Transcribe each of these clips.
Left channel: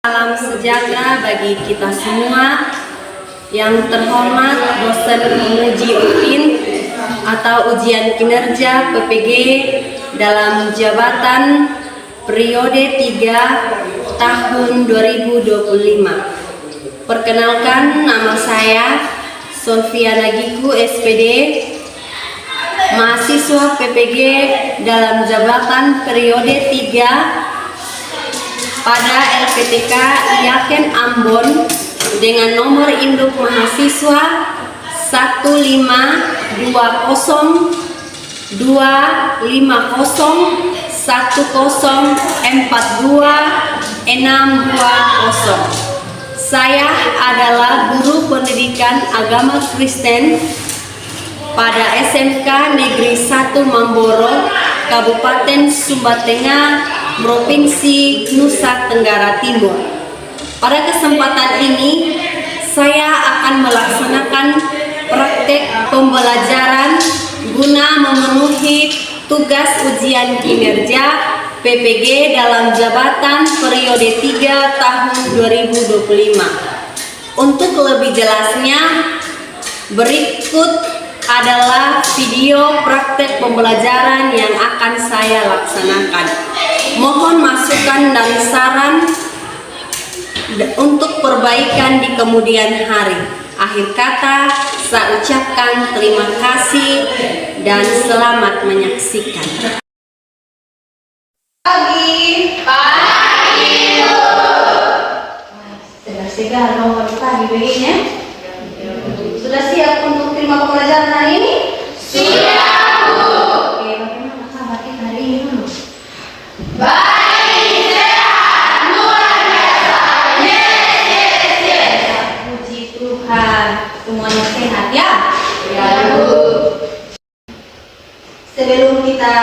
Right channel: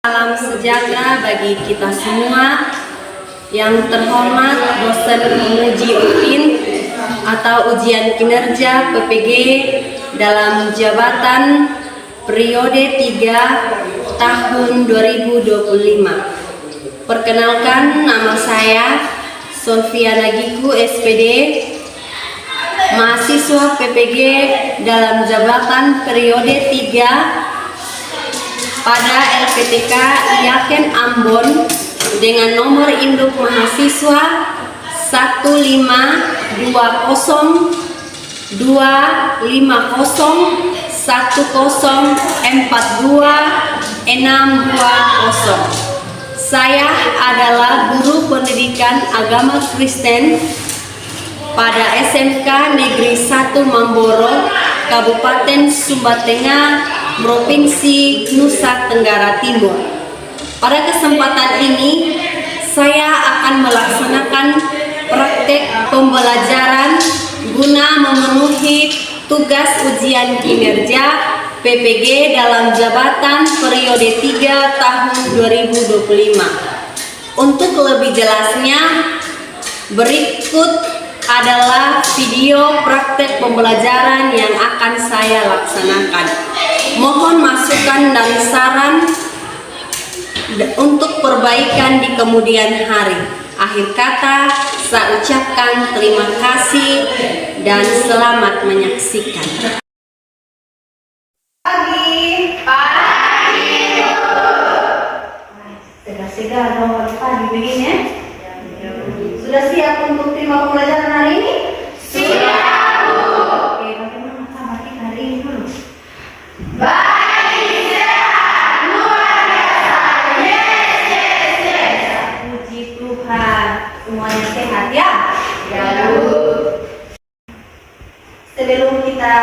Salam sejahtera bagi kita semua. Yang terhormat dosen penguji UPIN atau ujian kinerja PPG dalam jabatan periode 3 tahun 2025. Perkenalkan, nama saya Solviana Giku SPD, mahasiswa PPG dalam jabatan periode 3 pada LPTK Yaken Ambon dengan nomor induk mahasiswa 1520210104262. Saya adalah guru pendidikan agama Kristen pada SMK Negeri 1 Mamboro, Kabupaten Sumba Tengah, Provinsi Nusa Tenggara Timur. Pada kesempatan ini, saya akan melaksanakan praktek pembelajaran guna memenuhi tugas ujian kinerja PPG dalam jabatan periode 3 tahun 2025. Untuk lebih jelasnya, berikut adalah video praktek pembelajaran yang akan saya laksanakan. Mohon masukan dan saran untuk perbaikan di kemudian hari. Akhir kata, saya ucapkan terima kasih dan selamat menyaksikan. Pagi. Segar mau pagi begini. Sudah siap untuk terima pembelajaran hari ini? Siap, Bu. Oke, bagaimana kabar kita hari ini dulu? Baik, sehat, luar biasa. Yes. Puji Tuhan, semuanya sehat ya? Ya, Bu. Sebelum kita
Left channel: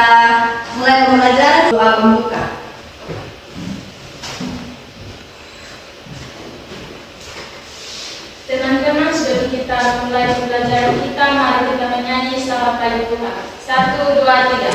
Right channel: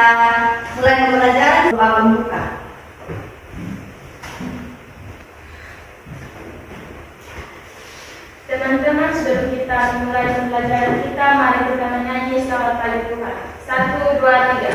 mulai pembelajaran, doa pembuka. Teman-teman, sebelum kita mulai pembelajaran kita, mari kita menyanyi selamat pagi Tuhan. 1, 2, 3.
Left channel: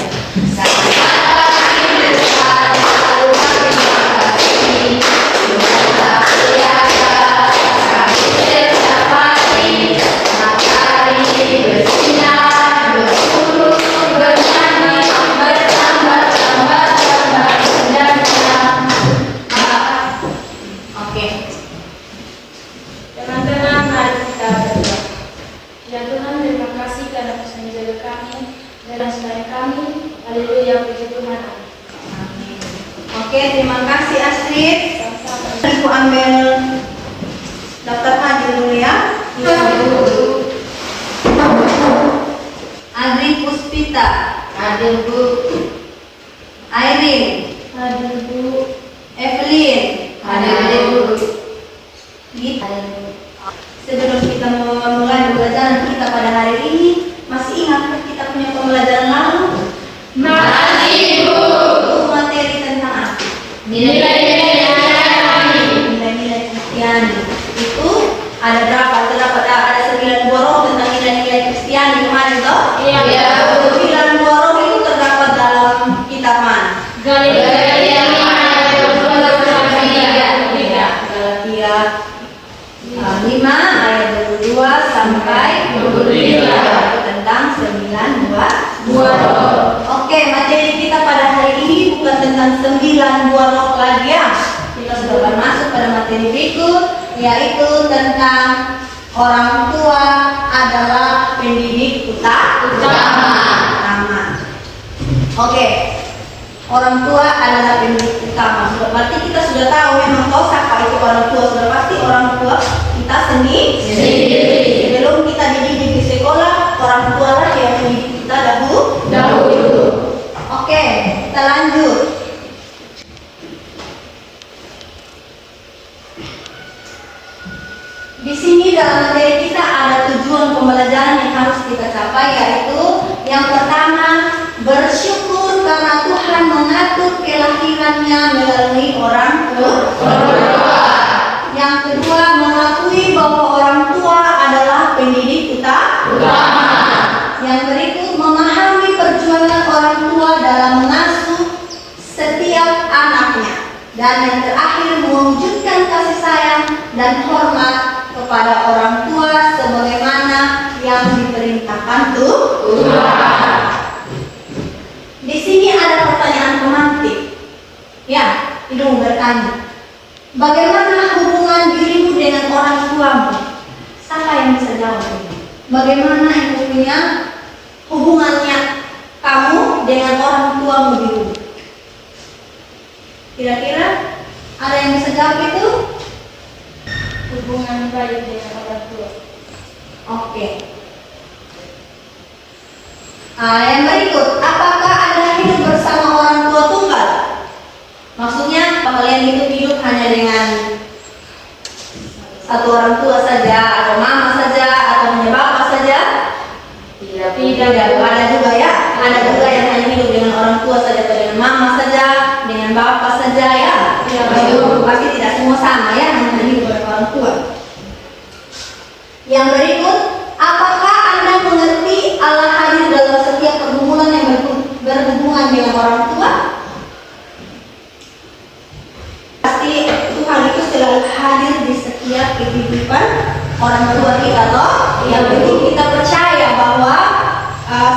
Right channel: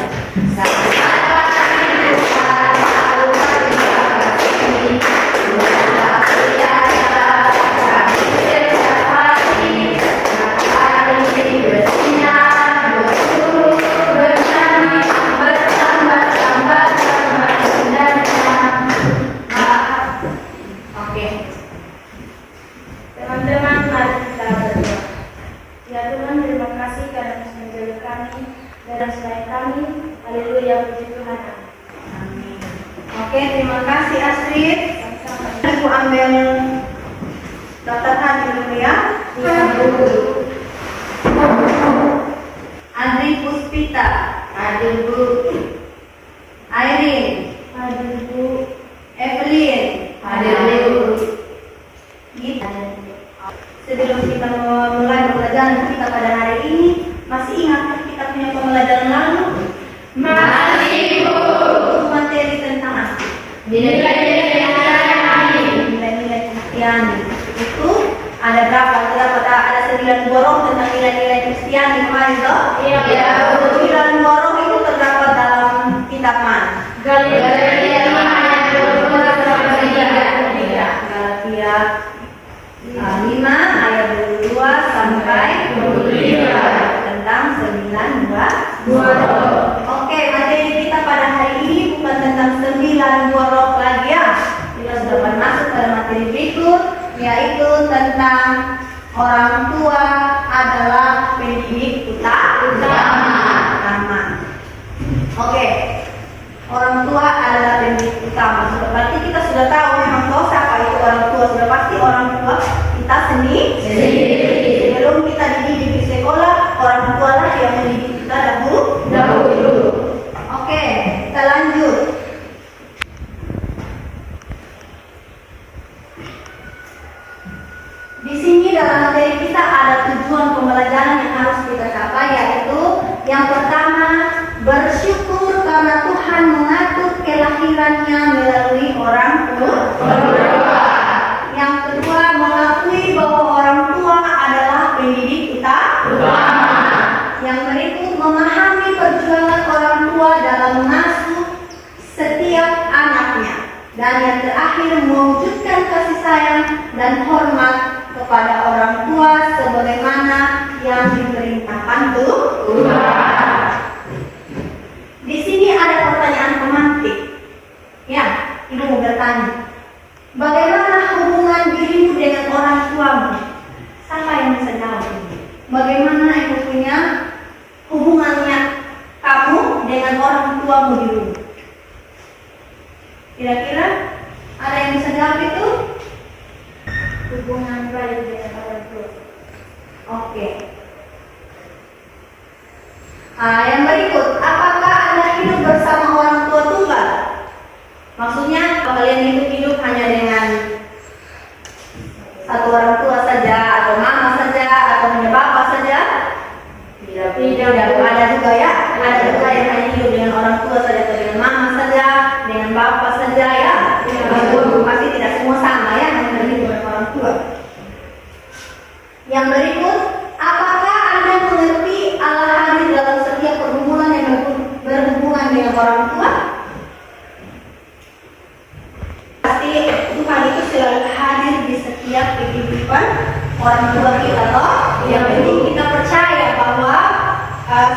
Ya Tuhan, terima kasih karena Kau menjaga kami dan selain kami. Haleluya, puji Tuhan. Amin. Oke, terima kasih Astrid. Sama-sama. Ibu ambil daftar hadir dulu ya. Ya, Bu. Adri Puspita, Hadir, Bu. Airin, Hadir, Bu. Evelyn, Hadir, Bu. Gitu. Sebelum kita mulai pembelajaran kita pada hari ini, masih ingat kita punya pembelajaran lalu? Masih, Bu. Itu materi tentang apa? Nilai-nilai Nilai-nilai Kristiani. Itu ada berapa? Ada 9 borong tentang nilai-nilai Kristiani kemarin toh? Iya, Bu. 9 borong itu terdapat dalam kitab mana? Galatia 5 ayat 22 sampai 23 tentang 9 Dua roh. Oke, materi kita pada hari ini bukan tentang 9 buah roh lagi ya. Kita sudah akan masuk pada materi berikut, yaitu tentang orang tua adalah pendidik utama. Oke, orang tua adalah pendidik utama. Berarti kita sudah tahu memang tahu siapa itu orang tua. Sudah pasti orang tua kita sendiri. Sebelum kita dididik di sekolah, orang tua lah yang mendidik kita dahulu. Oke, kita lanjut. Di sini dalam materi kita ada tujuan pembelajaran yang harus kita capai, yaitu yang pertama, bersyukur karena Tuhan mengatur kelahirannya melalui orang tua. Yang kedua, mengakui bahwa orang tua adalah pendidik utama. Yang berikut, memahami perjuangan orang tua dalam mengasuh setiap anaknya. Dan yang terakhir, mewujudkan dan hormat kepada orang tua sebagaimana yang diperintahkan Tuhan. Di sini ada pertanyaan pemantik. Ya, ibu bertanya, bagaimana hubungan dirimu dengan orang tuamu? Siapa yang bisa jawab ini? Bagaimana ibu punya hubungannya kamu dengan orang tuamu di rumah? Kira-kira ada yang bisa jawab itu? Hubungan baik dengan orang tua. Oke. Yang berikut, apakah Anda hidup bersama orang tua tunggal? Maksudnya kalian hidup hanya dengan satu orang tua saja, atau mama saja, atau hanya bapak saja? Tidak, ada juga ya. Ada juga yang hanya hidup dengan orang tua saja, atau dengan mama saja, dengan bapak saja ya. Pasti tidak semua sama ya, hanya hidup dengan orang tua. Yang berikut, apakah Anda mengerti Allah hadir dalam setiap pergumulan yang berhubungan dengan orang tua? Pasti Tuhan itu selalu hadir di setiap kehidupan orang tua kita toh. Yang penting kita percaya bahwa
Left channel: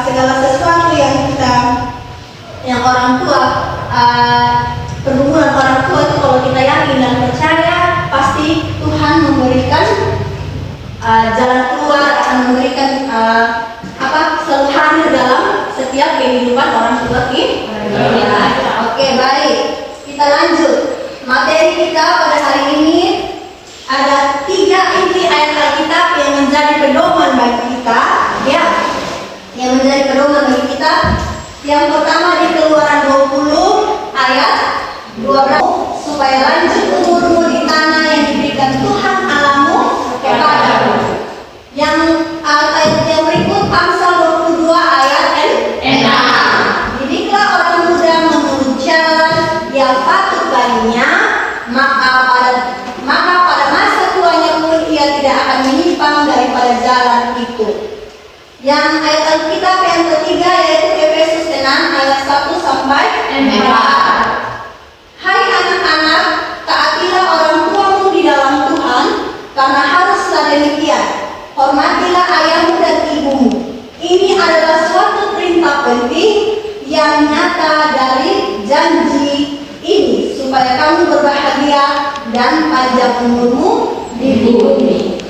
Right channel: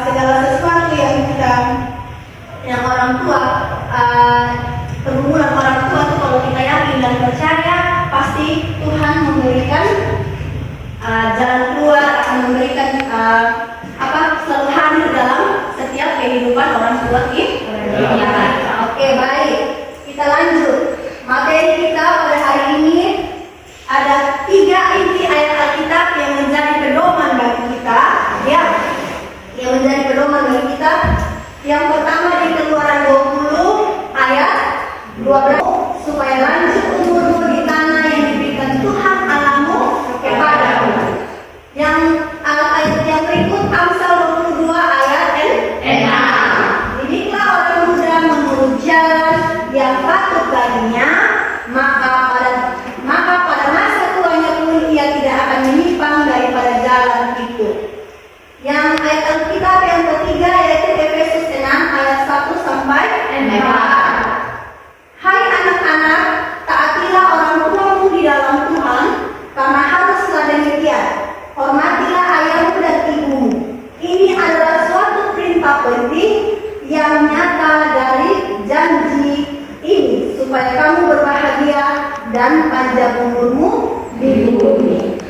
segala sesuatu yang orang tua pergumulan orang tua itu, kalau kita yakin dan percaya, pasti Tuhan memberikan jalan keluar, akan memberikan selalu hadir dalam setiap kehidupan orang tua kita. Oke, baik, kita lanjut. Materi kita pada hari ini ada 3 inti ayat Alkitab yang menjadi pedoman bagi kita, ya, yang menjadi pedoman bagi kita. Yang pertama di Keluaran 20 ayat 12, supaya lanjut umurmu di tanah yang diberikan Tuhan Allahmu kepadamu. Yang ayat yang berikut Amsal 22 ayat 6. Didiklah orang muda menurut jalan yang patut baginya, maka pada masa tuanya pun ia tidak akan menyimpang daripada jalan itu. Yang ayat Alkitab yang ketiga yaitu Efesus 6 ayat 1 sampai 4. Hai anak-anak, taatilah orang tuamu di dalam Tuhan, karena haruslah demikian. Hormatilah ayahmu dan ibumu. Ini adalah suatu perintah penting yang nyata dari janji ini, supaya kamu berbahagia dan panjang umurmu di bumi.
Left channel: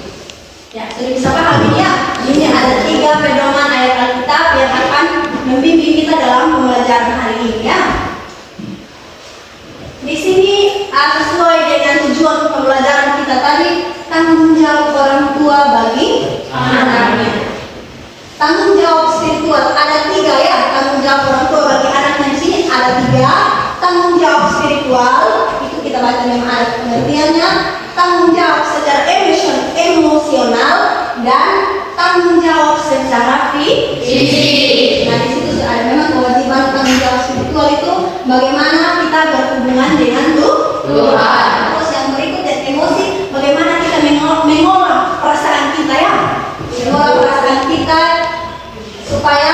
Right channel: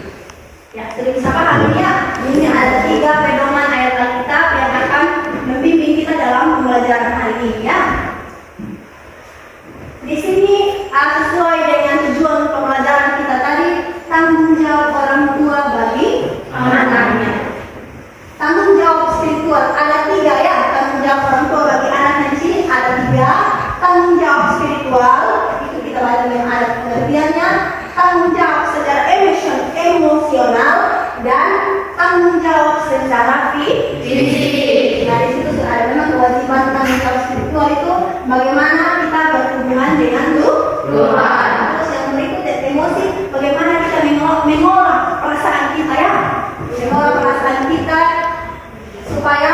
Ya, sudah bisa paham ini ya? Ini ada 3 pedoman ayat Alkitab yang akan membimbing kita dalam pembelajaran hari ini ya. Di sini sesuai dengan tujuan pembelajaran kita tadi, tanggung jawab orang tua bagi anaknya. Tanggung jawab spiritual ada 3 ya. Tanggung jawab orang tua bagi anaknya di sini ada 3. Tanggung jawab spiritual itu kita baca memang ada pengertiannya. Tanggung jawab secara emosional dan tanggung jawab secara fisik. Nah, di situ ada memang kewajiban tanggung jawab spiritual itu bagaimana kita berhubungan dengan Tuhan. Terus yang berikutnya emosi, bagaimana kita mengolah perasaan kita ya, mengolah perasaan kita supaya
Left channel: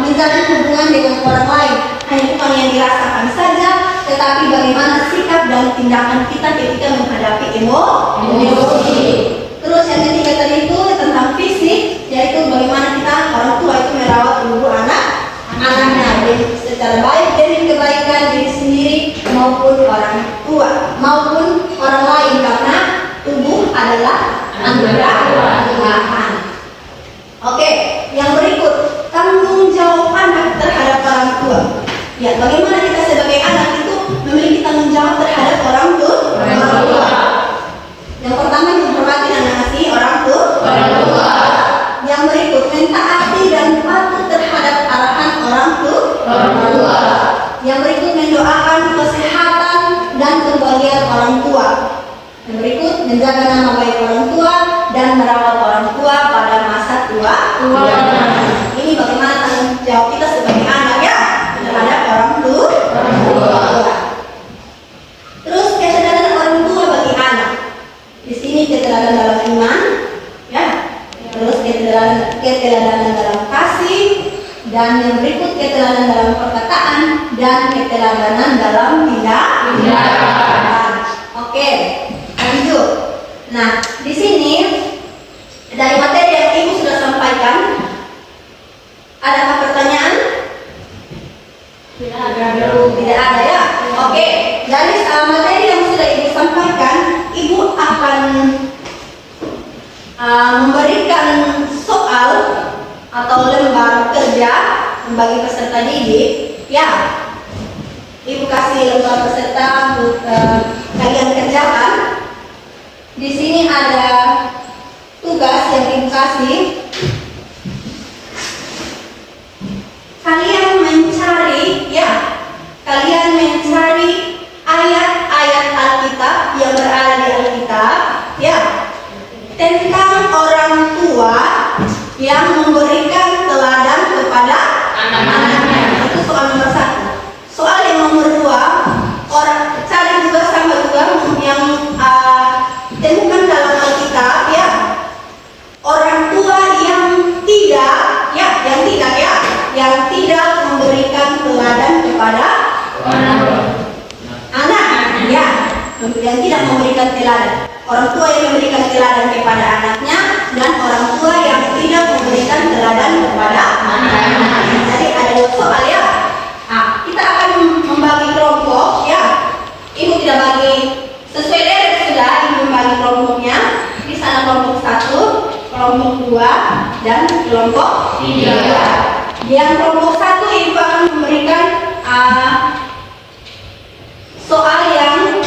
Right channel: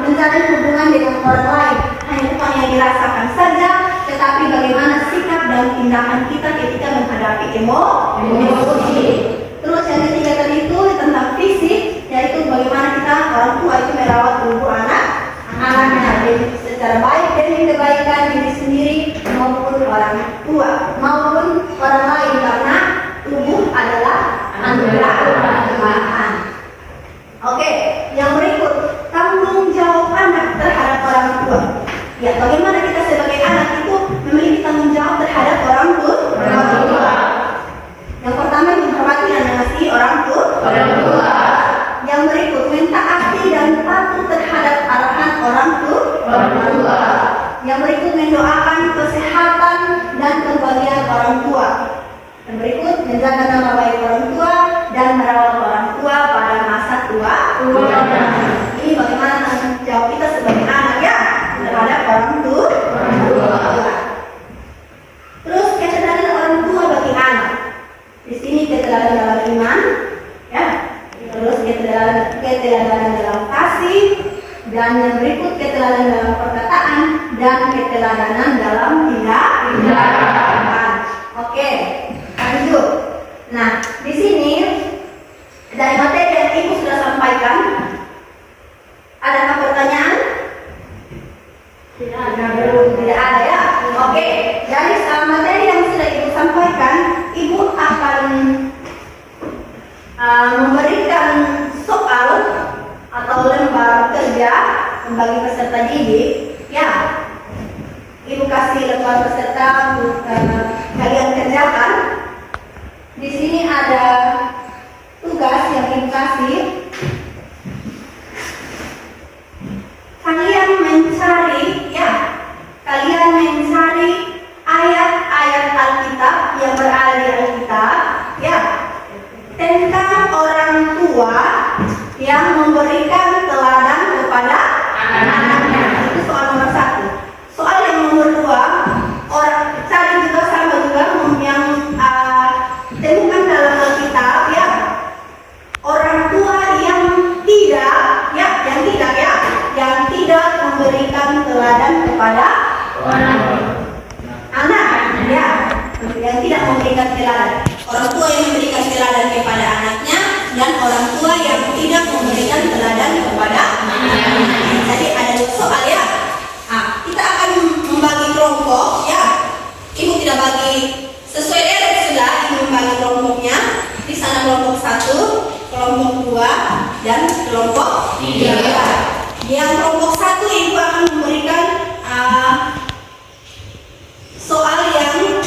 menjalin hubungan dengan orang lain. Hanya bukan yang dirasakan saja, tetapi bagaimana sikap dan tindakan kita ketika menghadapi emosi. Terus yang ketiga tadi itu tentang fisik, yaitu bagaimana kita orang tua itu merawat tubuh anaknya secara baik dari kebaikan diri sendiri maupun orang tua maupun orang lain, karena tubuh adalah anugerah Tuhan. Oke, yang berikut tanggung jawab anak terhadap orang tua. Ya, bagaimana kita sebagai anak itu memiliki tanggung jawab terhadap orang tua? Yang pertama, menghormati dan mengasihi orang tua. Yang berikut, mentaati dan patuh terhadap arahan orang tua. Yang berikut, mendoakan kesehatan dan kebahagiaan orang tua. Yang berikut, menjaga nama baik orang tua dan merawat orang tua pada masa tua. Ini bagaimana tanggung jawab kita sebagai anak ya terhadap orang tua. Terus kesadaran orang tua bagi anak. Di sini keteladanan dalam iman, ya. Terus keteladanan dalam kasih, dan yang berikut keteladanan dalam perkataan dan keteladanan dalam tindakan. Oke, lanjut. sampaikan, ibu akan memberikan soal atau lembar kerja bagi peserta didik. Ya, ibu kasih lembar peserta untuk kalian kerjakan. Di sini ada tugas yang ibu kasih. Kalian mencari ayat-ayat Alkitab yang berada di Alkitab, ya, tentang orang tua yang memberikan teladan kepada anak-anaknya. Itu soal nomor 1. Soal yang nomor 2, cari juga sama juga yang temukan dalam Alkitab, ya, orang tua yang tidak memberikan teladan kepada anak, ya, yang tidak memberikan teladan. Orang tua yang memberikan teladan kepada anaknya dan orang tua yang tidak memberikan teladan kepada anaknya. Jadi ada 2 soal, ya. Kita akan membagi kelompok, ya. Ibu tidak bagi sesuai deret sudah, ibu membagi kelompoknya. Di sana kelompok 1, kelompok 2, dan kelompok 3. Yang kelompok 1 ibu akan memberikan soal yang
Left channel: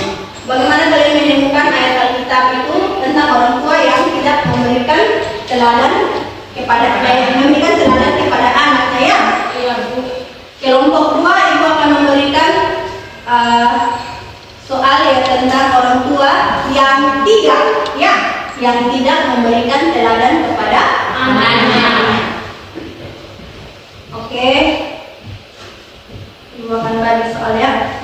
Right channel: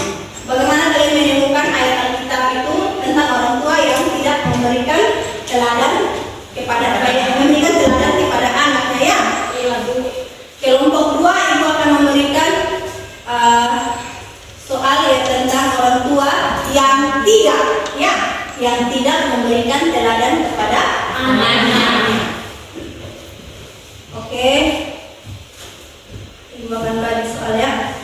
bagaimana kalian menemukan ayat Alkitab itu tentang orang tua yang tidak memberikan teladan kepada anaknya, ya. Kelompok 2 ibu akan memberikan soal yang tentang orang tua yang tidak memberikan teladan kepada anaknya. Oke, ibu akan bagi soalnya.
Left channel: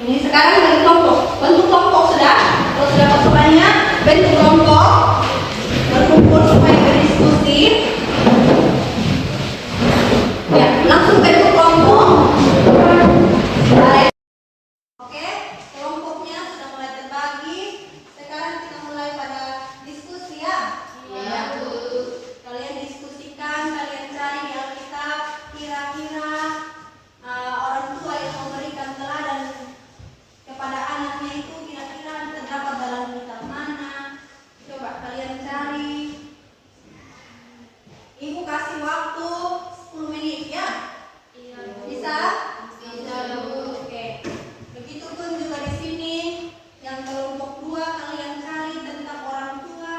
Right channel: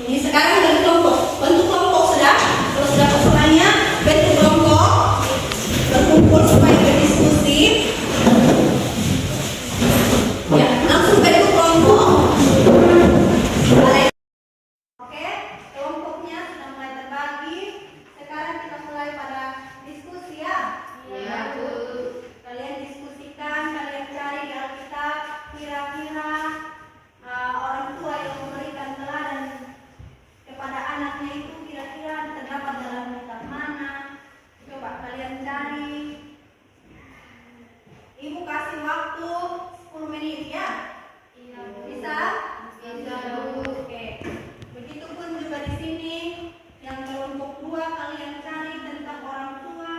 Ini sekarang dari kelompok. Bentuk kelompok sudah. Kalau sudah soalnya, bentuk kelompok, berkumpul supaya berdiskusi. Ya, langsung bentuk kelompok. Oke, kelompoknya sudah mulai terbagi. Sekarang kita mulai pada diskusi, ya. Iya, Bu. Kalian diskusikan, kalian cari di Alkitab kira-kira orang tua yang memberikan teladan kepada anaknya itu kira-kira terdapat dalam kitab mana. Coba kalian cari. Ibu kasih waktu 10 menit, ya. Iya, Bu. Bisa? Bisa, Bu. Oke. Begitupun juga di sini yang kelompok 2 kalian cari tentang orang tua,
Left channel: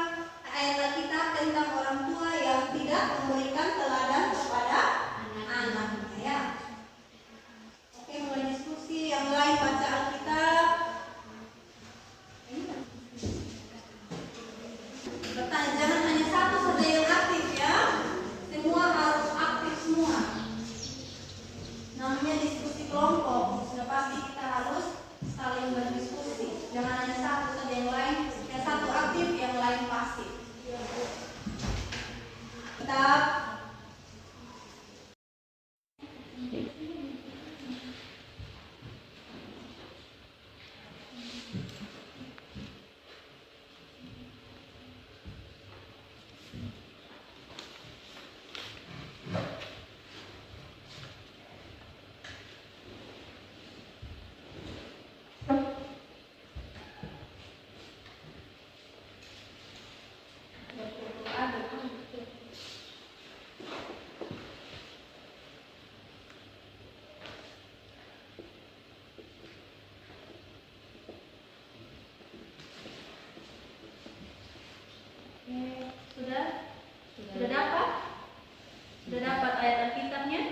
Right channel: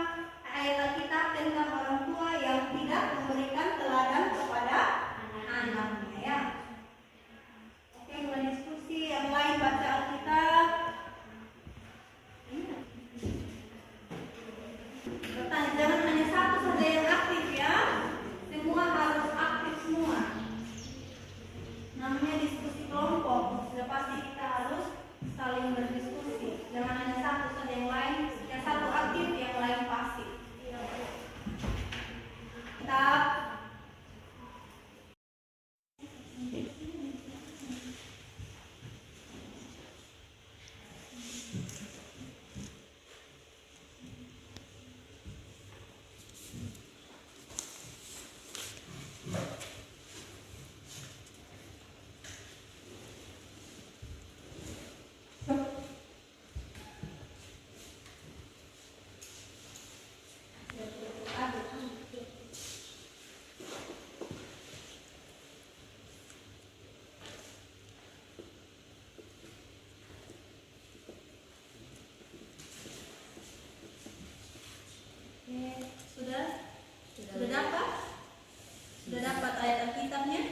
ayat Alkitab tentang orang tua yang tidak memberikan teladan kepada anaknya, ya. Oke, mulai diskusi. Yang lain baca Alkitab. Bertanya, jangan hanya satu saja yang aktif, ya. Semua harus aktif semua. Namanya diskusi kelompok. Sudah pasti kita harus saling berdiskusi. Jangan hanya satu saja yang lain. Yang satu aktif, yang lain pasif. Kita sudah dapat? Sudah dapat ayat Alkitabnya?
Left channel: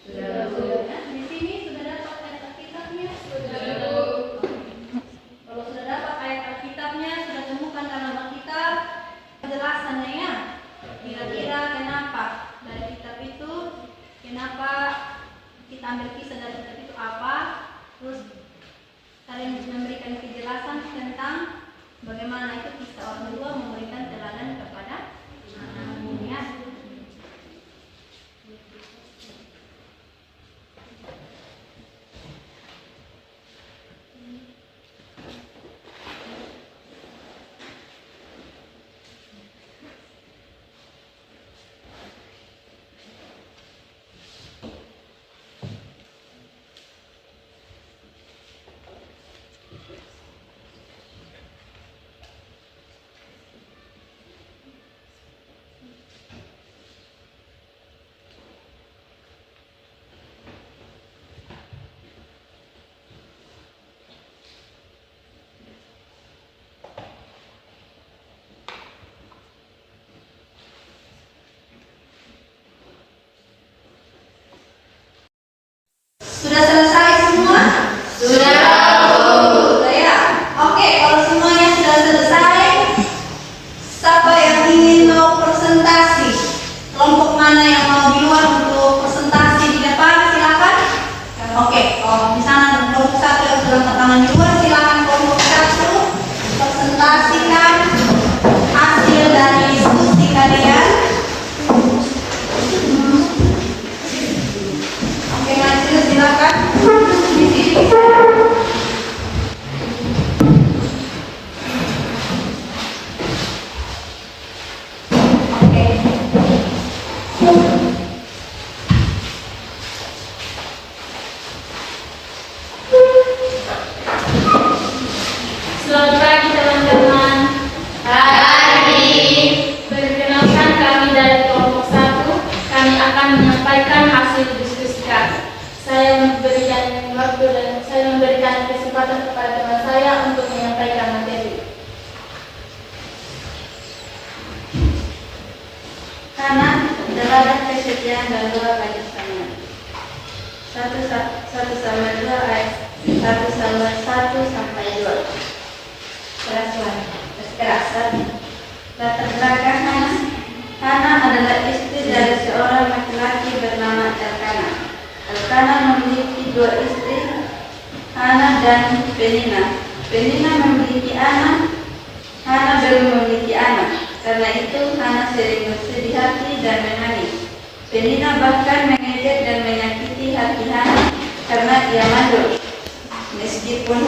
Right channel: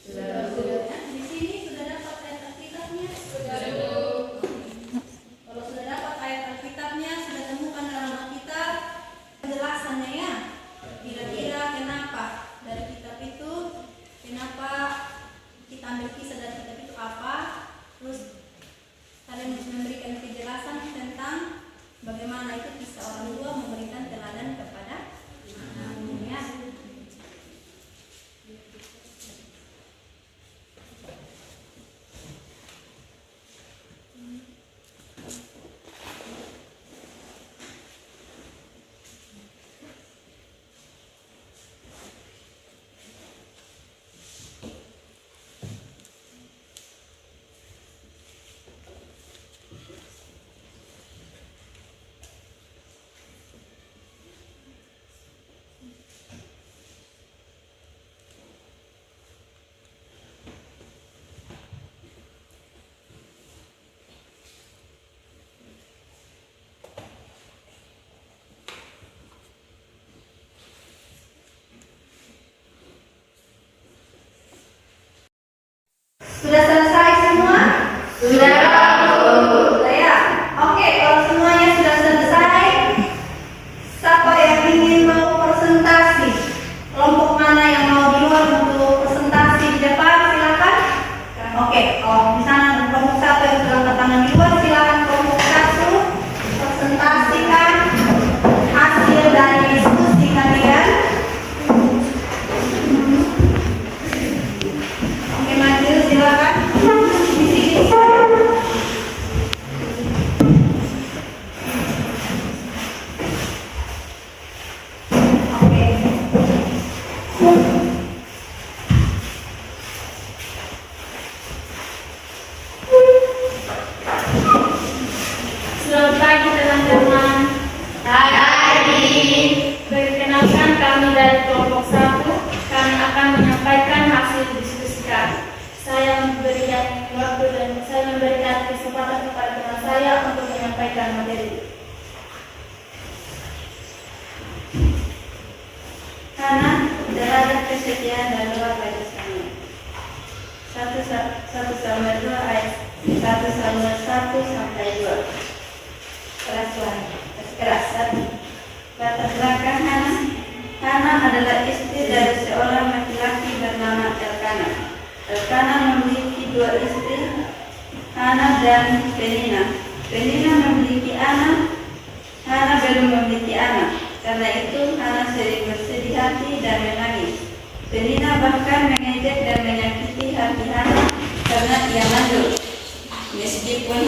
Sudah. Nah, di sini sudah dapat ayat Alkitabnya? Sudah. Kalau sudah dapat ayat Alkitabnya, sudah temukan dalam Alkitab penjelasannya, ya. Kira-kira kenapa dari kitab itu, kenapa kita ambil kisah dari kitab itu apa? Terus kalian memberikan kejelasan tentang bagaimana itu kisah orang tua memberikan teladan kepada anaknya. teman-teman. Perkenalkan kami dari kelompok 1. Kami akan menyampaikan hasil diskusi kami. Saya memberikan waktu dan saya memberikan kesempatan kepada teman saya untuk menyampaikan materi. Karena terhadap kesetiaan dan doa bagi sama. 1 Samuel 2 ayat 1 Samuel 1 sampai 2. Keras. Latar belakang Hana. Hana adalah istri dari seorang laki-laki bernama Elkana. Elkana memiliki 2 istri, Hana dan Penina. Penina memiliki anak, Hana belum memiliki anak. Karena itu Hana sering bersedih hati dan menangis. Penina bahkan mengejek dan menyakiti hati Hana karena ia mandul. Meskipun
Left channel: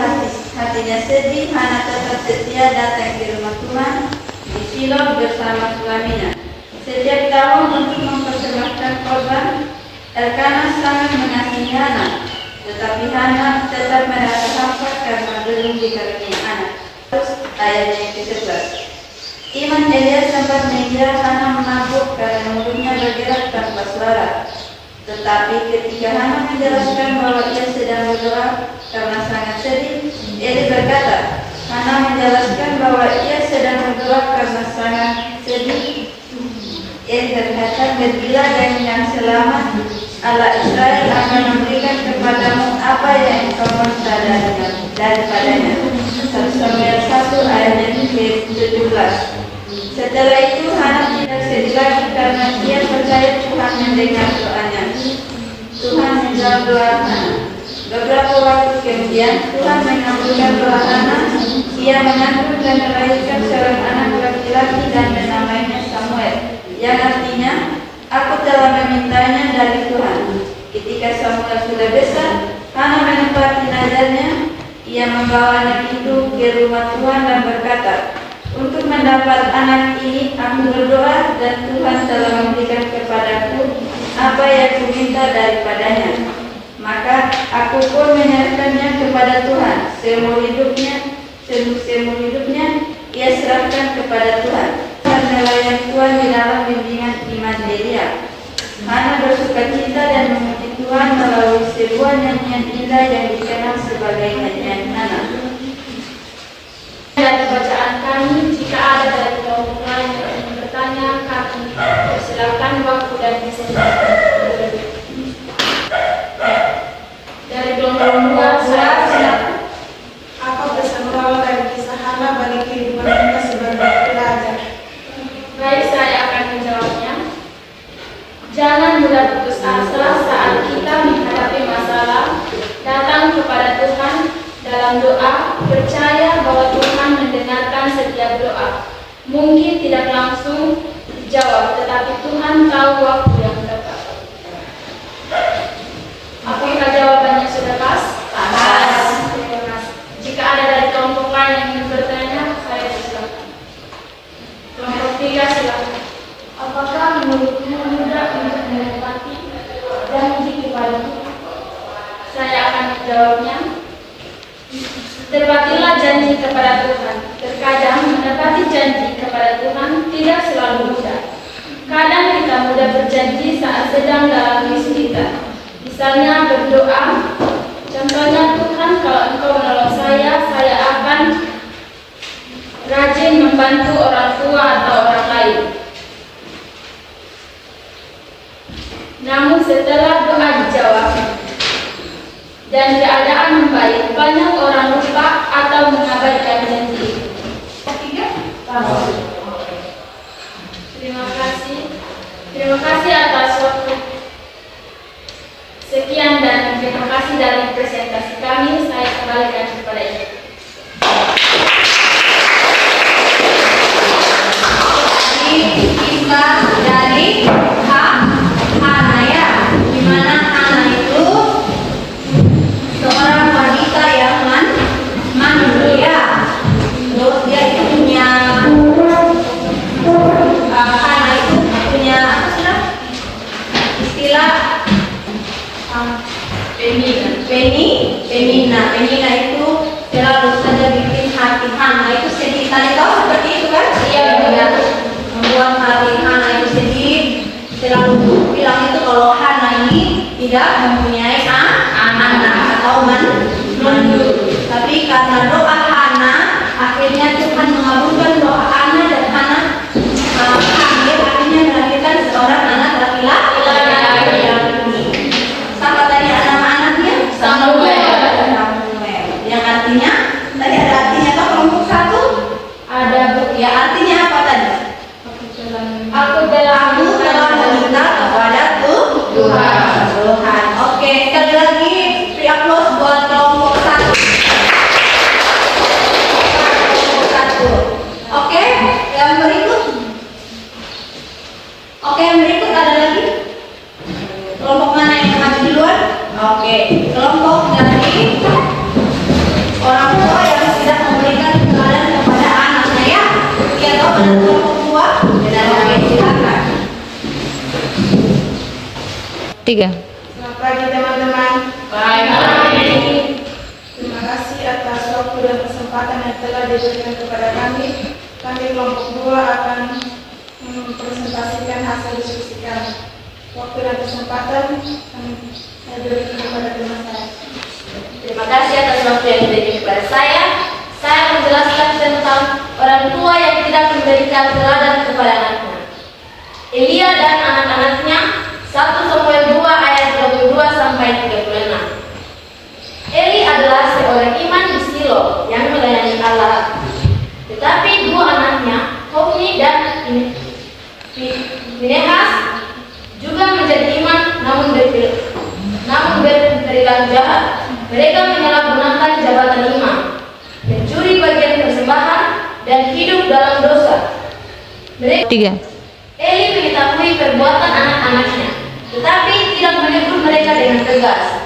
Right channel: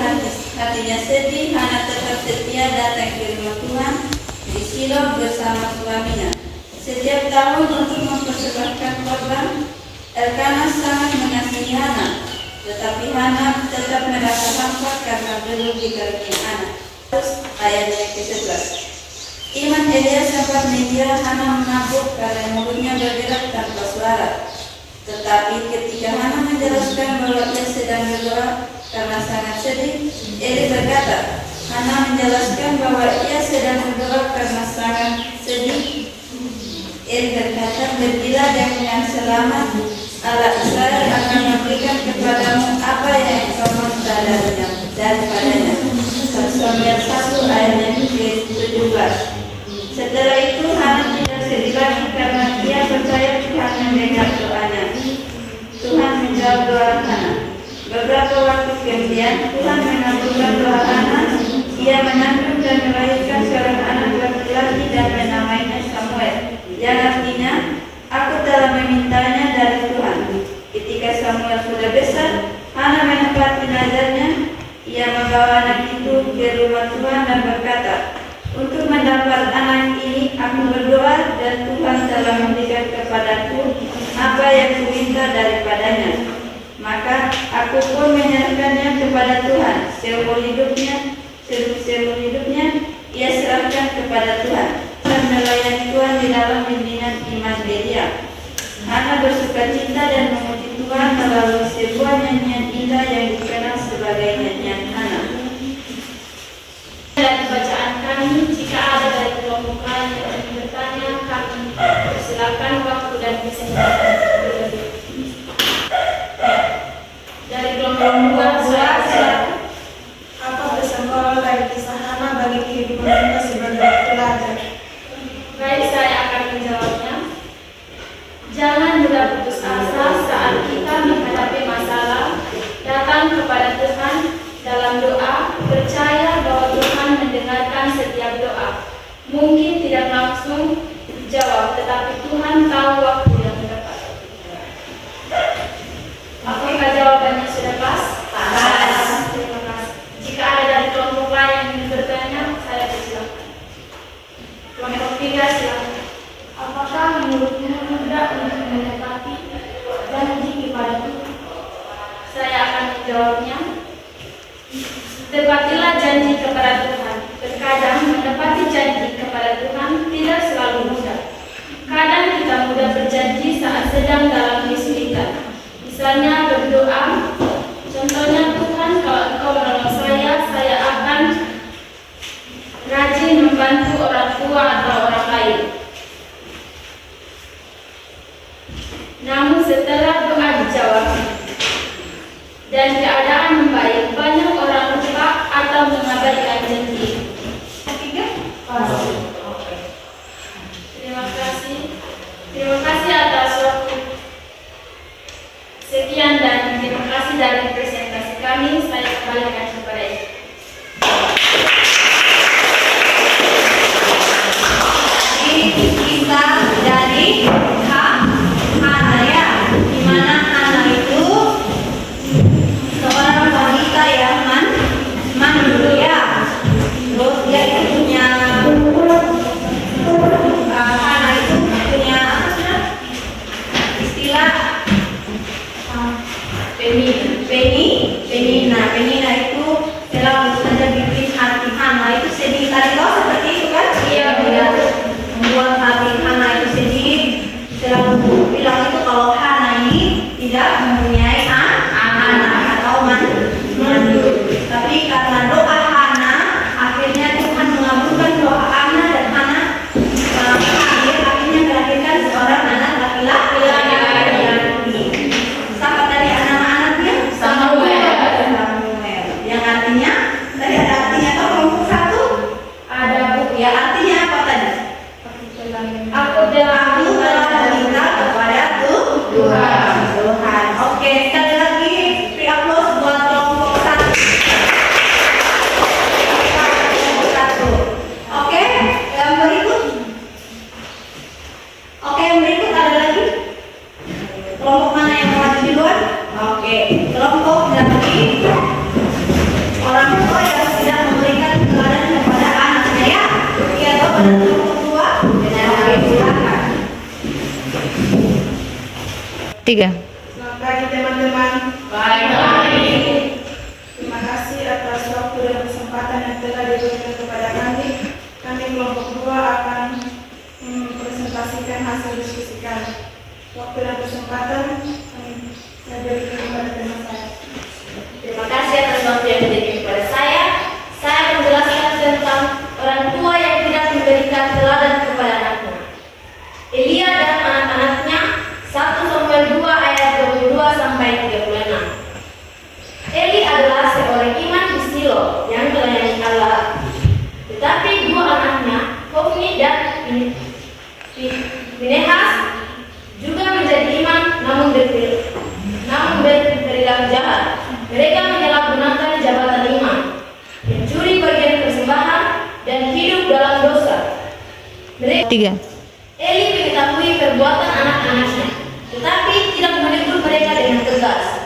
hatinya sedih, Hana tetap setia datang ke rumah Tuhan di Shilo bersama suaminya. Setiap tahun untuk mempersembahkan korban, Elkana sangat mengasihi Hana, tetapi Hana tetap merasa hampa karena belum dikaruniai anak. Ayatnya ke-11. Iman Elia sempat mengira Hana menabuk karena mulutnya bergerak tanpa suara. Tetapi ketika Hana menjelaskan bahwa ia sedang berdoa karena sangat sedih, Eli berkata, Hana menjelaskan bahwa ia sedang berdoa karena sangat sedih. Eli berkata, "Pergilah yang selamat, Allah Israel akan memberikan kepadamu apa yang engkau minta daripadanya." 1 Samuel 1 ayat yang ke-17. Setelah itu Hana tidak sedih lagi karena ia percaya Tuhan mendengar doanya. Tuhan menjawab doa Hana. Beberapa waktu kemudian Tuhan mengabulkan doa Hana. Ia mengandung dan melahirkan seorang anak laki-laki dan menamainya Samuel, yang artinya aku telah memintanya dari Tuhan. Ketika Samuel sudah besar, Hana menepati nazarnya. Ia membawa anak itu ke rumah Tuhan dan berkata, "Untuk mendapat anak ini aku berdoa dan Tuhan telah memberikan kepadaku apa yang kuminta daripadanya. Maka aku pun menyerahkannya kepada Tuhan. Seumur hidupnya ia serahkan kepada Tuhan dan melayani Tuhan di dalam bimbingan iman Elia." Hana bersuka cita dan memuji Tuhan melalui sebuah nyanyian indah yang dikenal sebagai nyanyian Hana. Dari bacaan kami, jika ada dari kelompok lain yang ingin bertanya, kami silakan waktu dan kesempatan. Dari kelompok 2, saya silakan. Apa pesan moral dari kisah Hana bagi kehidupan kita sebagai pelajar? Baik, saya akan menjawabnya. Jangan mudah putus asa saat kita menghadapi masalah. Datang kepada Tuhan dalam doa, percaya bahwa Tuhan mendengarkan setiap doa. Mungkin tidak langsung dijawab, tetapi Tuhan tahu waktu yang tepat. Apakah jawabannya sudah pas? Pas. Terima kasih. Jika ada dari kelompok lain yang ingin bertanya, saya silakan. Kelompok 3 silakan. Apakah menurutmu mudah untuk menepati janji kepada Tuhan? Saya akan menjawabnya. Tepatilah janji kepada Tuhan. Terkadang menepati janji kepada Tuhan tidak selalu mudah. Kadang kita mudah berjanji saat sedang dalam misi kita. Misalnya berdoa, contohnya, "Tuhan, kalau Engkau menolong saya akan rajin membantu orang tua atau orang lain." Namun setelah doa dijawab dan keadaan membaik, banyak orang lupa atau mengabaikan janji. Ketiga? Terima kasih. Terima kasih atas waktu. Sekian dan terima kasih dari presentasi kami. Saya kembalikan kepada Ibu. Kisah dari Hana ya, di mana Hana itu seorang wanita yang mandul ya. Terus dia itu punya Tadi kau seperti itu kan? Iya, Bu. Ya. Membuat hati Hana itu sedih. Selalu bilang itu kalau Hana ini tidak mempunyai anak atau mandu. Tapi karena doa Hana, akhirnya Tuhan mengabulkan doa Hana dan Hana akhirnya melahirkan seorang anak laki-laki. Siapa tadi anak-anaknya? Samuel. Yang artinya tadi ada artinya toh kelompok satu? Ada, Bu. Ya artinya apa tadi? Aku telah meminta kepada Tuhan. Oke, sekali lagi free applause buat kelompok satu. Kelompok satu. Oke, yang berikut. Oke, yang berikut ada lagi. Kelompok mana yang maju duluan? Oke, kelompok dari orang tua yang tidak memberikan teladan kepada anaknya ya. Iya toh, pada kelompok tua. Oke, silakan. 3. Selamat pagi teman-teman. Terima kasih atas waktu dan kesempatan yang telah diberikan kepada kami. Kami kelompok 2 akan mempresentasikan hasil diskusi kami. Waktu dan kesempatan saya berikan kepada teman saya. Terima kasih atas waktu yang diberikan kepada saya. Saya akan menjelaskan tentang orang tua yang tidak memberikan teladan kepada anaknya. Elia dan anak-anaknya, 1 Samuel 2 ayat 22 sampai 36. Eli adalah seorang iman di Silo yang melayani Allah. Tetapi 2 anaknya, Hofni dan Pinehas, juga menjadi iman namun berperilaku jahat. Mereka menyalahgunakan jabatan imam, mencuri bagian persembahan, dan hidup dalam dosa. 3. Eli mengetahui perbuatan anak-anaknya, tetapi tidak menegur mereka dengan tegas.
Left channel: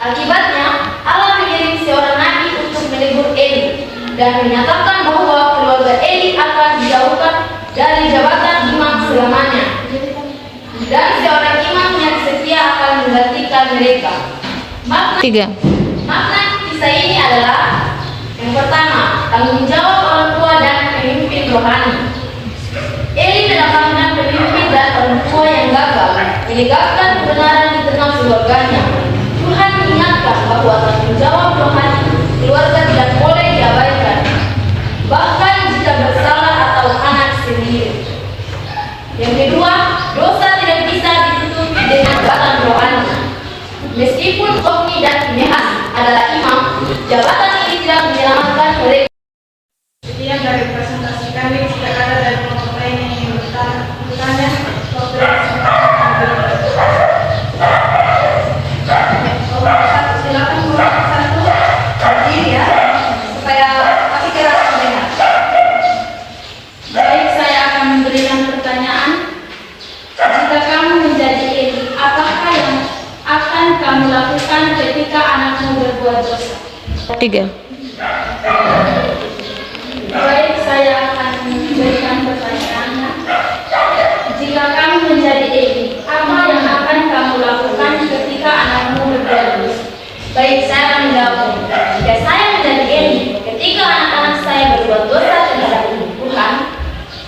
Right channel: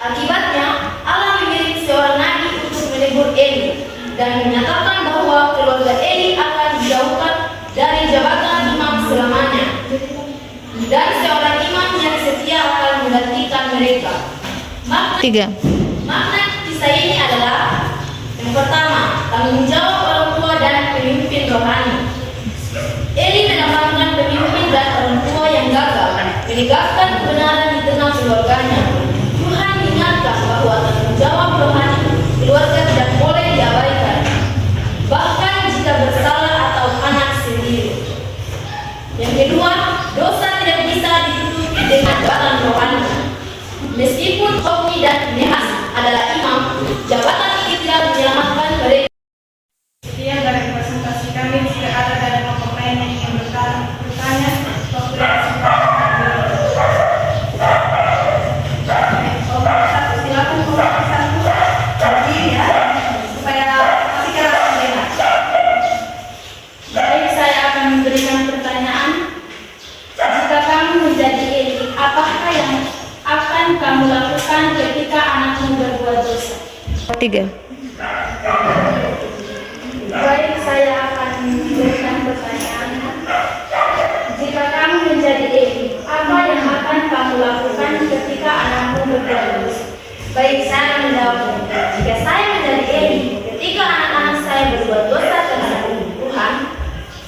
Akibatnya, Allah mengirim seorang nabi untuk menegur Eli dan menyatakan bahwa keluarga Eli akan dijauhkan dari jabatan imam selamanya. Dan seorang imam yang setia akan menggantikan mereka. Makna kisah ini adalah yang pertama, tanggung jawab orang tua dan pemimpin rohani. Eli mendapatkan pemimpin dan orang tua yang gagal menegakkan kebenaran di tengah keluarganya. Tuhan mengingatkan bahwa tanggung jawab rohani keluarga tidak boleh diabaikan, bahkan jika bersalah atau anak sendiri. Yang kedua, dosa tidak bisa ditutupi dengan jabatan rohani. Meskipun Hofni dan Pinehas adalah imam, jabatan ini tidak menyelamatkan mereka. Sekian dari presentasi kami. Jika ada dari kelompok lain yang ingin bertanya, waktu dan kesempatan kami berikan. Kelompok satu, silakan kelompok satu berdiri ya, supaya masih keras mendengar. Baik, saya akan memberikan pertanyaan. Jika kamu menjadi Eli, apakah yang akan kamu lakukan ketika anakmu berbuat dosa? 3. Baik, saya akan memberikan pertanyaannya. Jika kamu menjadi Eli, apa yang akan kamu lakukan ketika anakmu berbuat dosa? Baik, saya akan menjawab. Jika saya menjadi Eli, ketika anak-anak saya berbuat dosa terhadap Tuhan,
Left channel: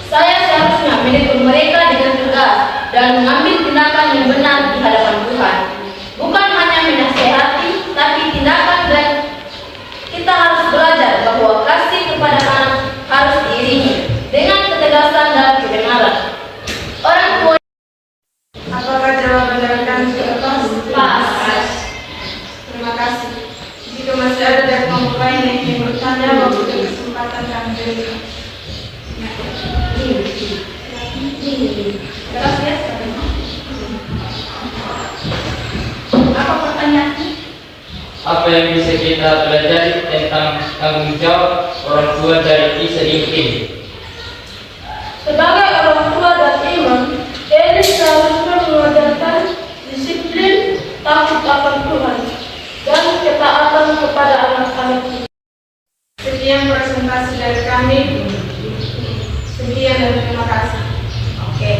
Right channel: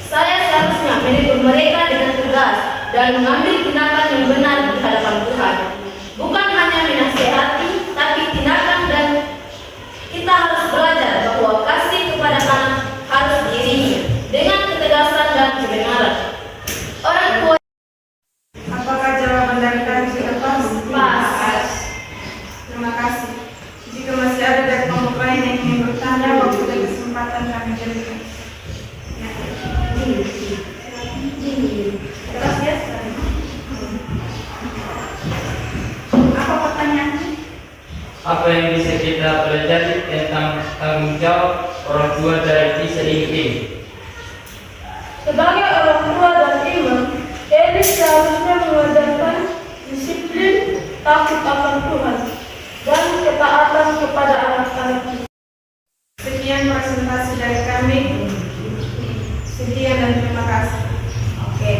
saya seharusnya menegur mereka dengan tegas dan mengambil tindakan yang benar di hadapan Tuhan. Bukan hanya menasihati, tapi tindakan, dan kita harus belajar bahwa kasih kepada anak harus diiringi dengan ketegasan dan kebenaran. Orang tua. Apakah jawaban dari kami sudah pas? Pas. Terima kasih. Jika masih ada dari kelompok lain yang ingin bertanya, waktu dan kesempatan kami berikan. Terus ya. Apa pertanyaannya? Apa yang bisa kita pelajari tentang tanggung jawab orang tua dari kisah ini? Sebagai orang tua dan imam, Eli seharusnya mengajarkan disiplin, takut akan Tuhan, dan ketaatan kepada anak-anaknya. Sekian presentasi dari kami. Sekian dan terima kasih. Oke.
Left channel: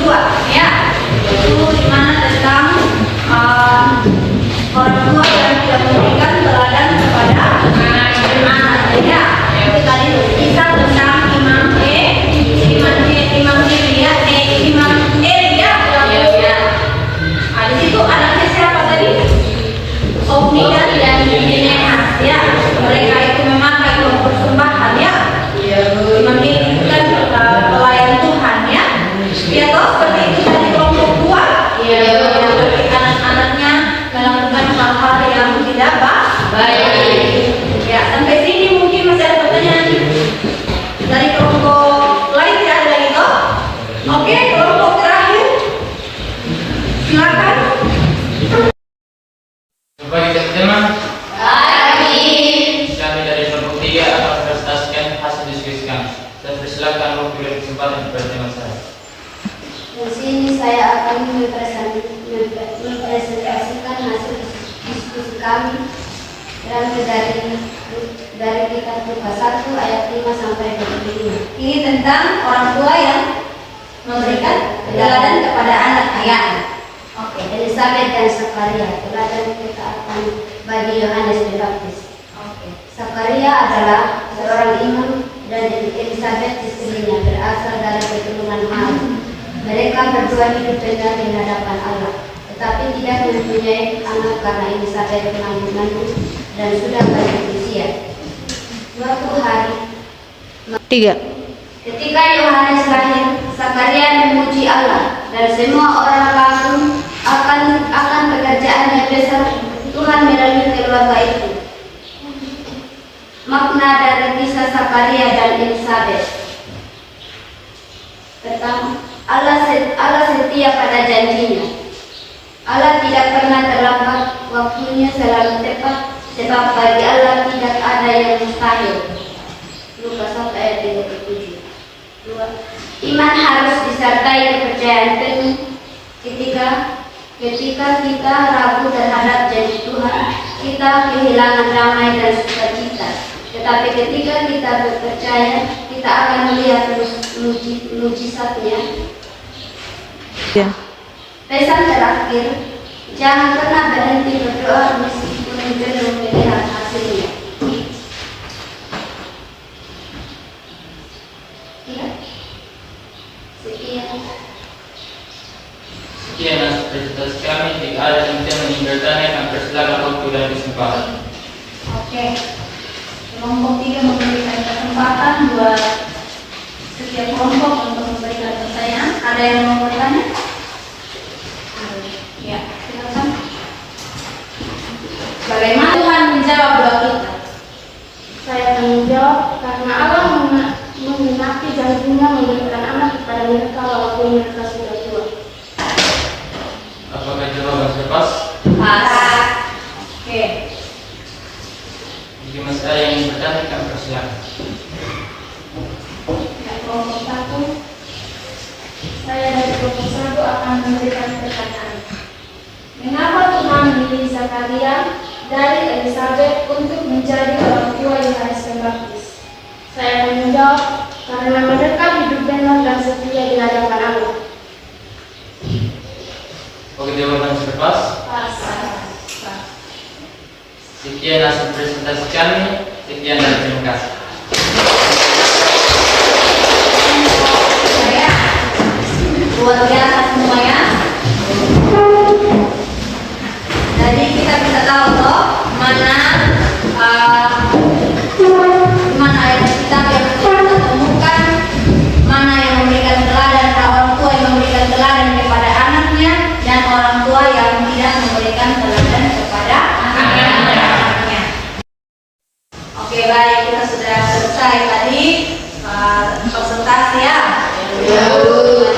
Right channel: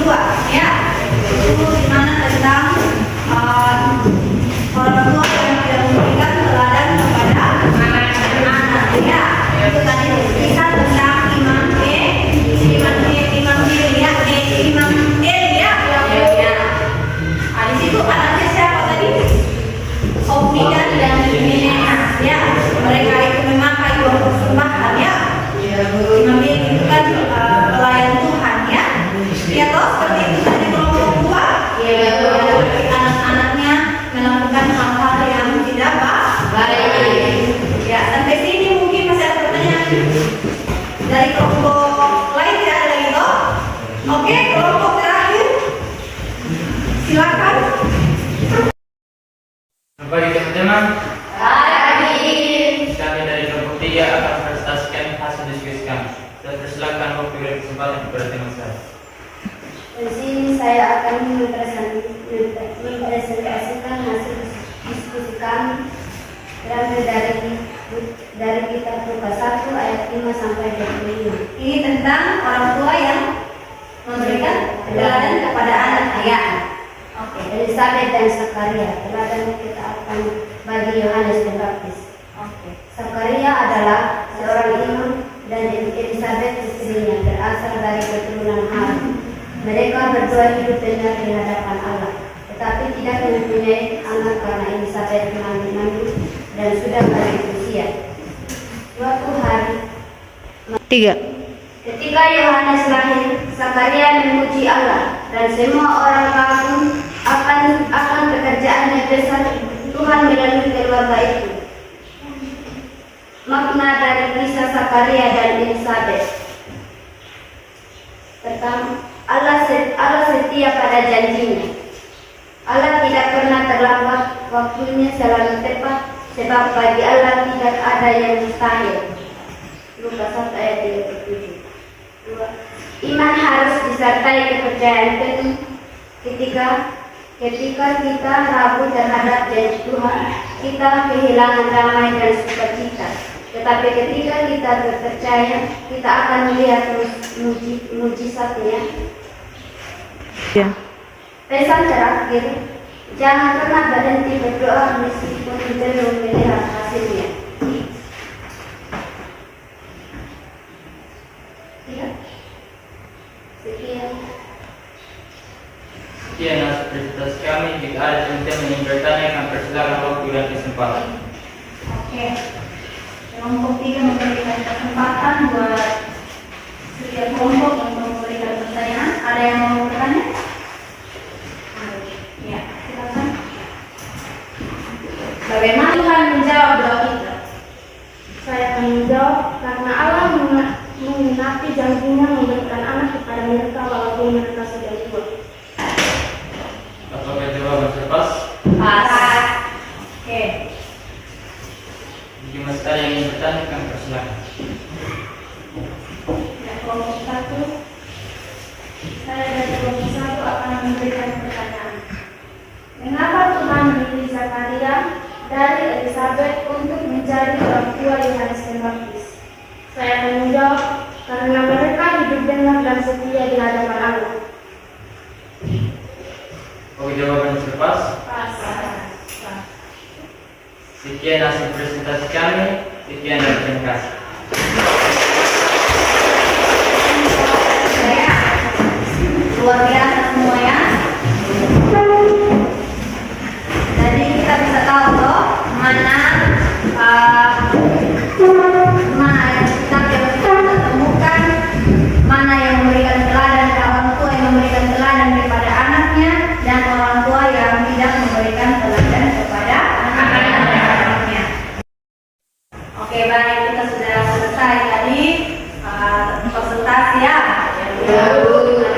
2 ya. Itu dimana tentang orang tua yang tidak memberikan teladan kepada Lukas 1 ayat 5 sampai 25. Ini tentang orang tua yang memberikan teladan kepada anak-anak. Oke. Elisabet dan Zakaria, teladan ketaatan bagi Yohanes Pembaptis. Oke. Zakaria adalah seorang imam dan Elisabet istrinya berasal dari keturunan Harun. Mereka berdua hidup benar di hadapan Allah, tetapi tidak mempunyai anak karena Elisabet mengandung dan sudah lanjut usia. Suatu hari, 3. ketika Yohanes lahir, Zakaria memuji Allah dan semua orang kagum akan pekerjaan yang besar Tuhan melalui keluarga itu. Makna dari kisah Zakaria dan Elisabet. Pertama, Allah setia pada janjinya. Allah tidak pernah terlambat, waktunya selalu tepat, sebab bagi Allah tidak ada yang mustahil. Lukas 1 ayat 37. 2. Iman harus disertai kepercayaan penuh. Ketika kita ragu terhadap janji Tuhan, kita kehilangan damai dan sukacita. Tetapi ketika kita berpercaya, kita akan melihat mujizatnya. Ya. Pesan terakhir, jangan pernah berhenti berdoa meskipun belum melihat hasilnya. Ya. Sekian. Sekian presentasi kami. Jika ada yang ingin bertanya, kami persilakan waktu dan kesempatan. Oke. Kelompok 3 memberikan kesempatan buat setiap kelompok untuk memberikan pertanyaan. Ada yang mau bertanya? Ya, silakan. Bagaimana Tuhan menjawab doa kita? Saya akan menjawab, karena Allah mengenapi janjinya memberikan anak kepada mereka walaupun mereka sudah tua. Apakah jawaban pas? Pas. Oke. Jika masih ada yang ingin bertanya, kami persilakan. Ya, kelompok 1. Saya dari kelompok 1 akan memberikan pertanyaan. Mengapa Tuhan memilih Zakaria dari Elisabet untuk menjadi orang tua Yohanes Pembaptis? Saya akan menjawab, karena mereka hidup benar dan setia di hadapan Allah. Oke, jawaban pas. Pas. Sekian hasil presentasi kami. Sekian dan terima kasih. Saya luar biasa semuanya. Jadi kita bisa tahu toh mana ayat kitab yang kita temukan, mana yang memberikan teladan, orang tua yang memberikan teladan kepada anaknya, dan orang tua yang tidak memberikan teladan kepada anaknya. Oke, baik, kita sudah selesai tadi presentasi ya. Tadi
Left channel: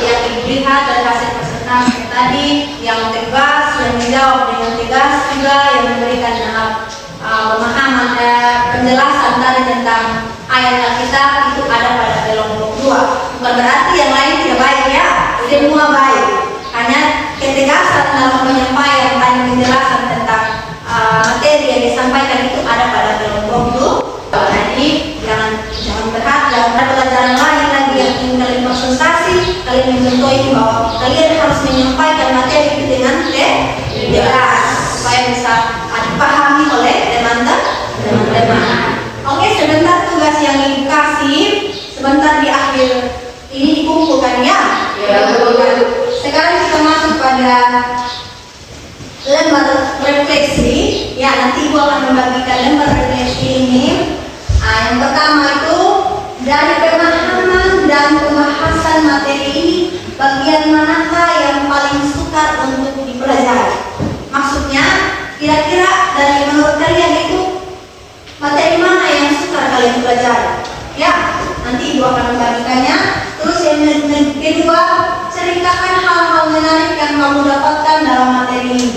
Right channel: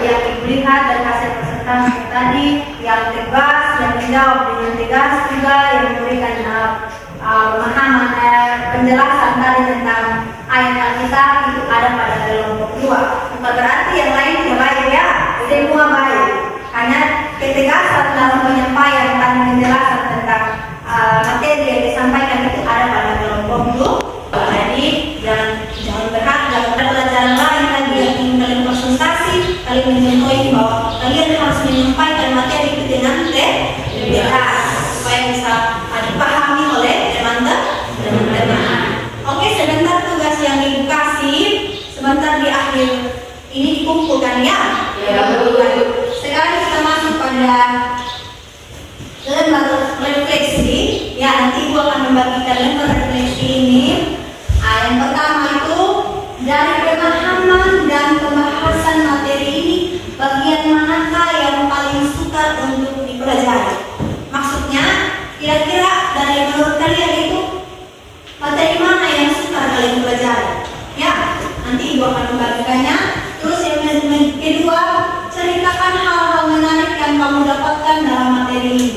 yang dilihat dari hasil presentasi tadi yang tegas, yang menjawab dengan tegas juga, yang memberikan pemahaman penjelasan tadi tentang ayat Alkitab itu ada pada kelompok 2. Bukan berarti yang lain tidak baik ya, semua baik. Hanya ketegasan dalam penyampaian dan penjelasan tentang materi yang disampaikan itu ada pada kelompok 2. Jadi jangan berharap, jangan ada pelajaran lain lagi yang ingin kalian presentasi, kalian mencontohi bahwa kalian harus menyampaikan materi itu dengan tegas supaya bisa dipahami oleh teman-teman. Oke, sebentar tugas yang ibu kasih, sebentar di akhir ini dikumpulkan ya. Sekarang kita masuk pada lembar refleksi. Ya, nanti ibu akan membagikan lembar refleksi ini. Yang pertama itu dari pemahaman dan pembahasan materi ini, bagian manakah yang paling sukar untuk dipelajari? Maksudnya, kira-kira dari menurut kalian itu materi mana yang sukar kalian pelajari? Ya, nanti ibu akan membagikannya. Terus yang kedua, ceritakan hal-hal menarik yang kamu dapatkan dalam materi ini.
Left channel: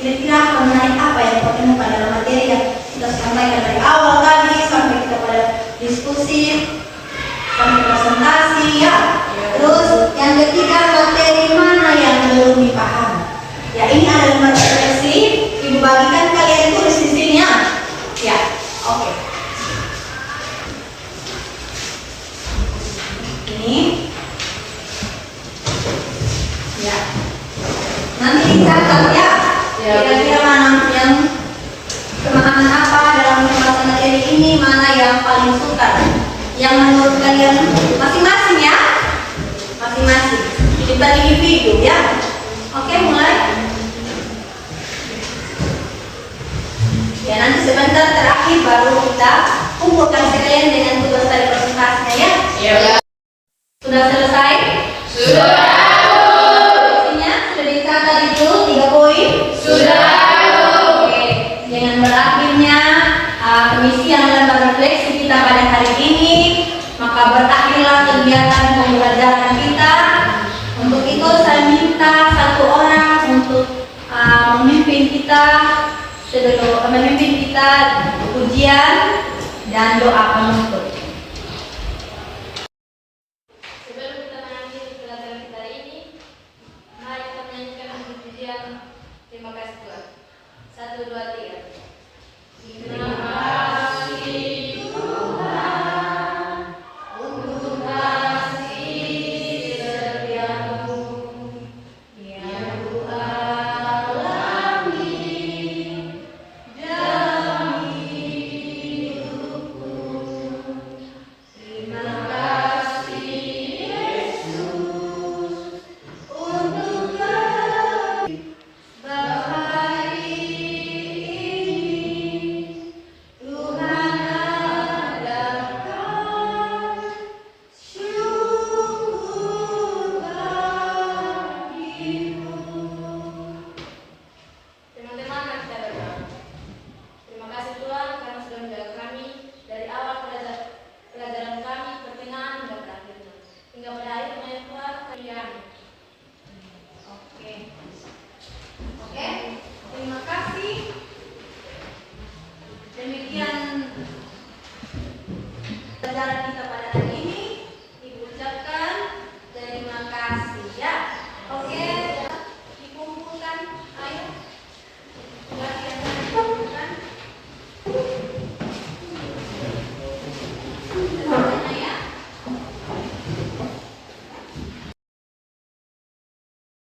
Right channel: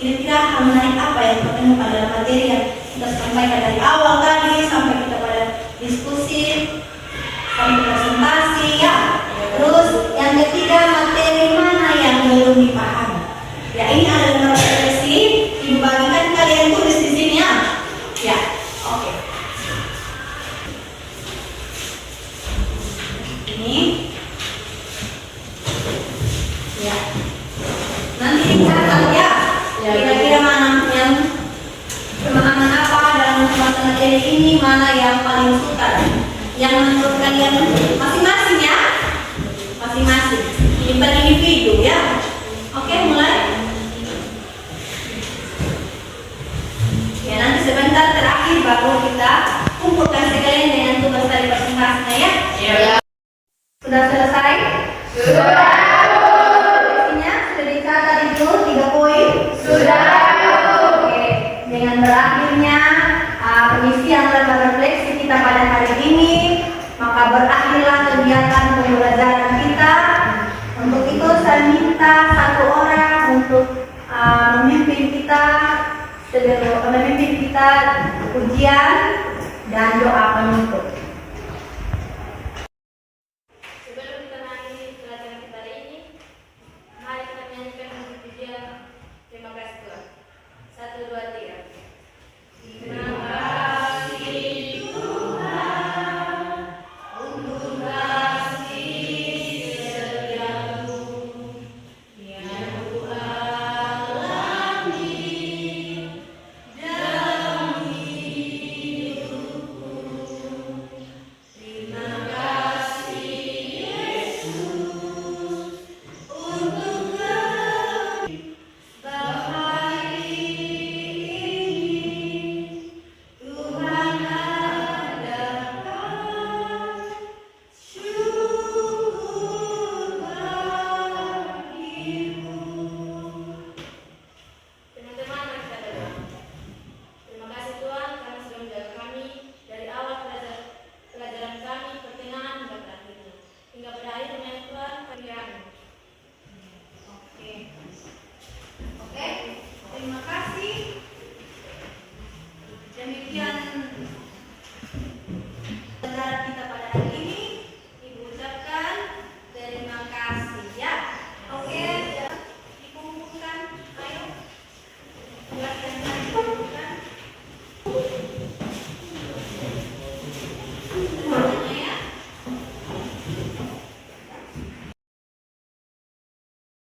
Kira-kira hal menarik apa yang kamu temukan dalam materi yang kita sampaikan dari awal tadi sampai kita pada diskusi, sampai presentasi ya. Terus yang ketiga, materi mana yang belum dipahami? Ya, ini ada lembar refleksi, ibu bagikan, kalian tulis di sini ya. Ya, oke. ini mana yang paling sukar? Yang menurut kalian masing-masing ya? Masing-masing. Ini per individu ya. Oke, mulai. Ya, nanti sebentar terakhir baru kita kumpulkan sekalian dengan tugas dari presentasinya ya. Ya. Sudah selesai? Sudah. Isinya sudah dicatat itu 3 poin? Sudah. Oke. Dengan berakhirnya pengisian lembar refleksi kita pada hari ini, maka berakhirlah kegiatan pembelajaran kita. Untuk itu saya minta satu orang untuk memimpin kita sebelum memimpin kita ujian dan doa penutup.